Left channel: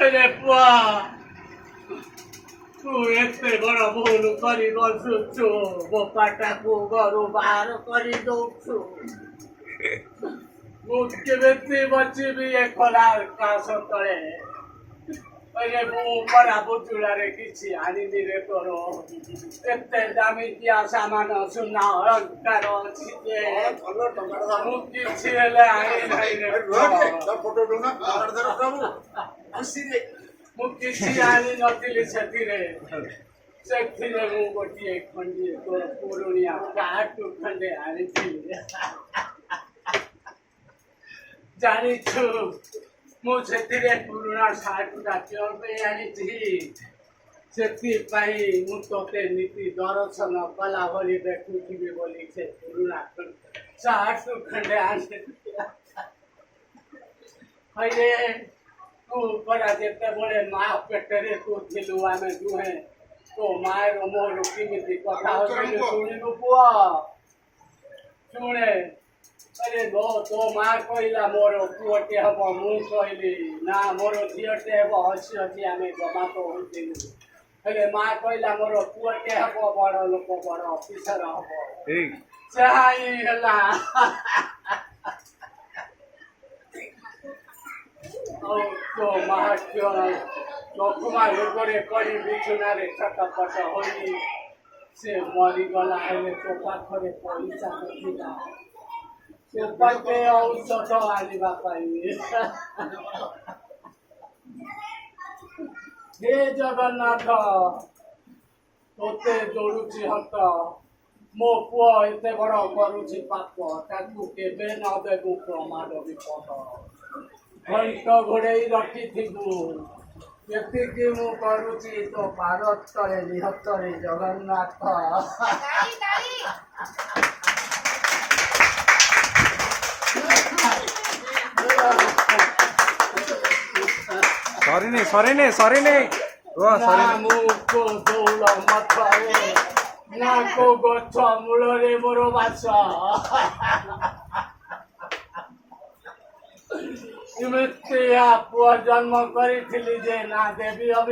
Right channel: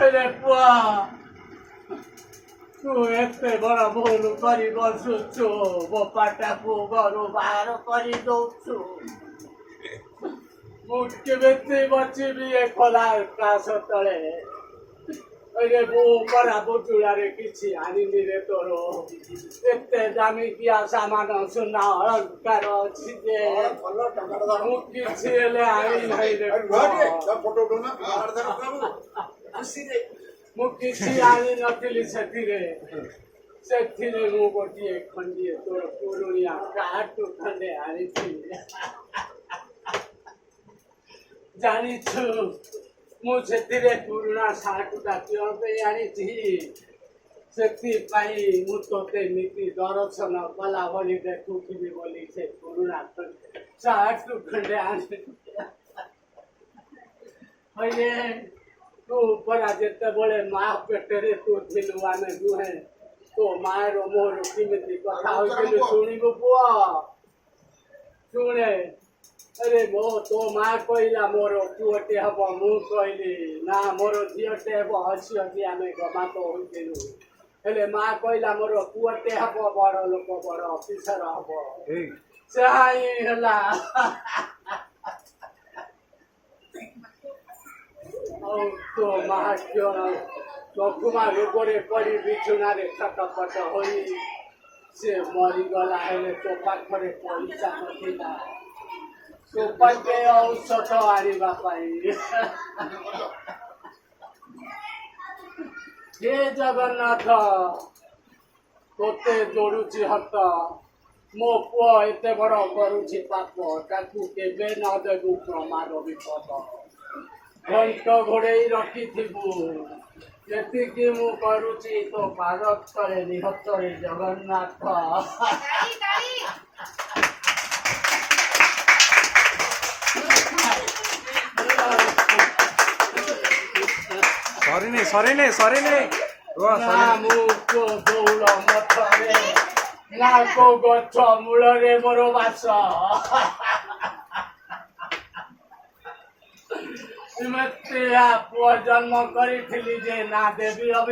अरे पुआ तू एते बड़ भूल करी बसुछु मो पाटाକୁ ଘରୁ ବାହାର କରି ଦଉଛୁ ମୁଁ କେମିତି ବଚିବି ଏ ଖରା କାଶ ତଳେ अरे वो परा बुचुड़ारे किसी आनिनी रे तोरो एते दामिकिया सामान सुना अलंकार अछि जे मु किछि हेले आनी नाही रे फोटो उठौना आधार बाबू खुशी रे मु किछि आनी नथिली सेथिरे सेथिरे मु गोटिए खंडिए तोर पुरुनिया काटु खंडे आनिथिली जानी छु ମୁଁ ସେଥିରେ ପୁରୁଣା ସାର୍ଟଟା କିଅଣ ପାଇଁ ଆଣିଛି ସେଥିପାଇଁ ମୁଁ ତୋତେ ନୀତି ଦର୍ଶନ କଲା ଭଳି ଦେଖୁଥିବି ବୋଲି ସେ ପୁରୁଣା ସାର୍ଟ ଖଣ୍ଡେ ଆଣିଥିଲି ହଇରେ ତୁ ପରା ଯେତେବେଳେ ମା ପେଟରେ ତୁ ଥିଲୁ ଆମେ ଦୁହେଁ ତୋ ମାର ମୋର କେମିତି କଥା ହଉଥିଲୁ ଶୁଣିବୁ ପୁଅ ଶୁଣେ अरे गो तो माँ कहला मोर पुअटे हम मु कहली ना मोर झीटे हम हसी हसी आम गमात होइलु हेले माँ कहला मोर पुअटे हम बड़ लोक बड़ अफिसर हम से हैला तो माँ क्यों चखुमा रोगरे पड़ी बिछुना छटपट हो से मरीगला हेले तो पाखरे पैसा नथिला सोपाके औषध आनिबा पाई हे जगन्नाथ तोते जोड़ुची हत मो पुआ एते बड़ करुची पाप ताकू केबे न देबू प्रमाद विपद घंट घोड़ेई रखिथिबू जेतिकी मु करुची तो पाद तले निहत्तरे जगन्नाथ सॉरी ना मुको दौल मथरे ना को गछ मूलरे मोर बास तुमे पुआ जन्म करी जे ना देवी अभी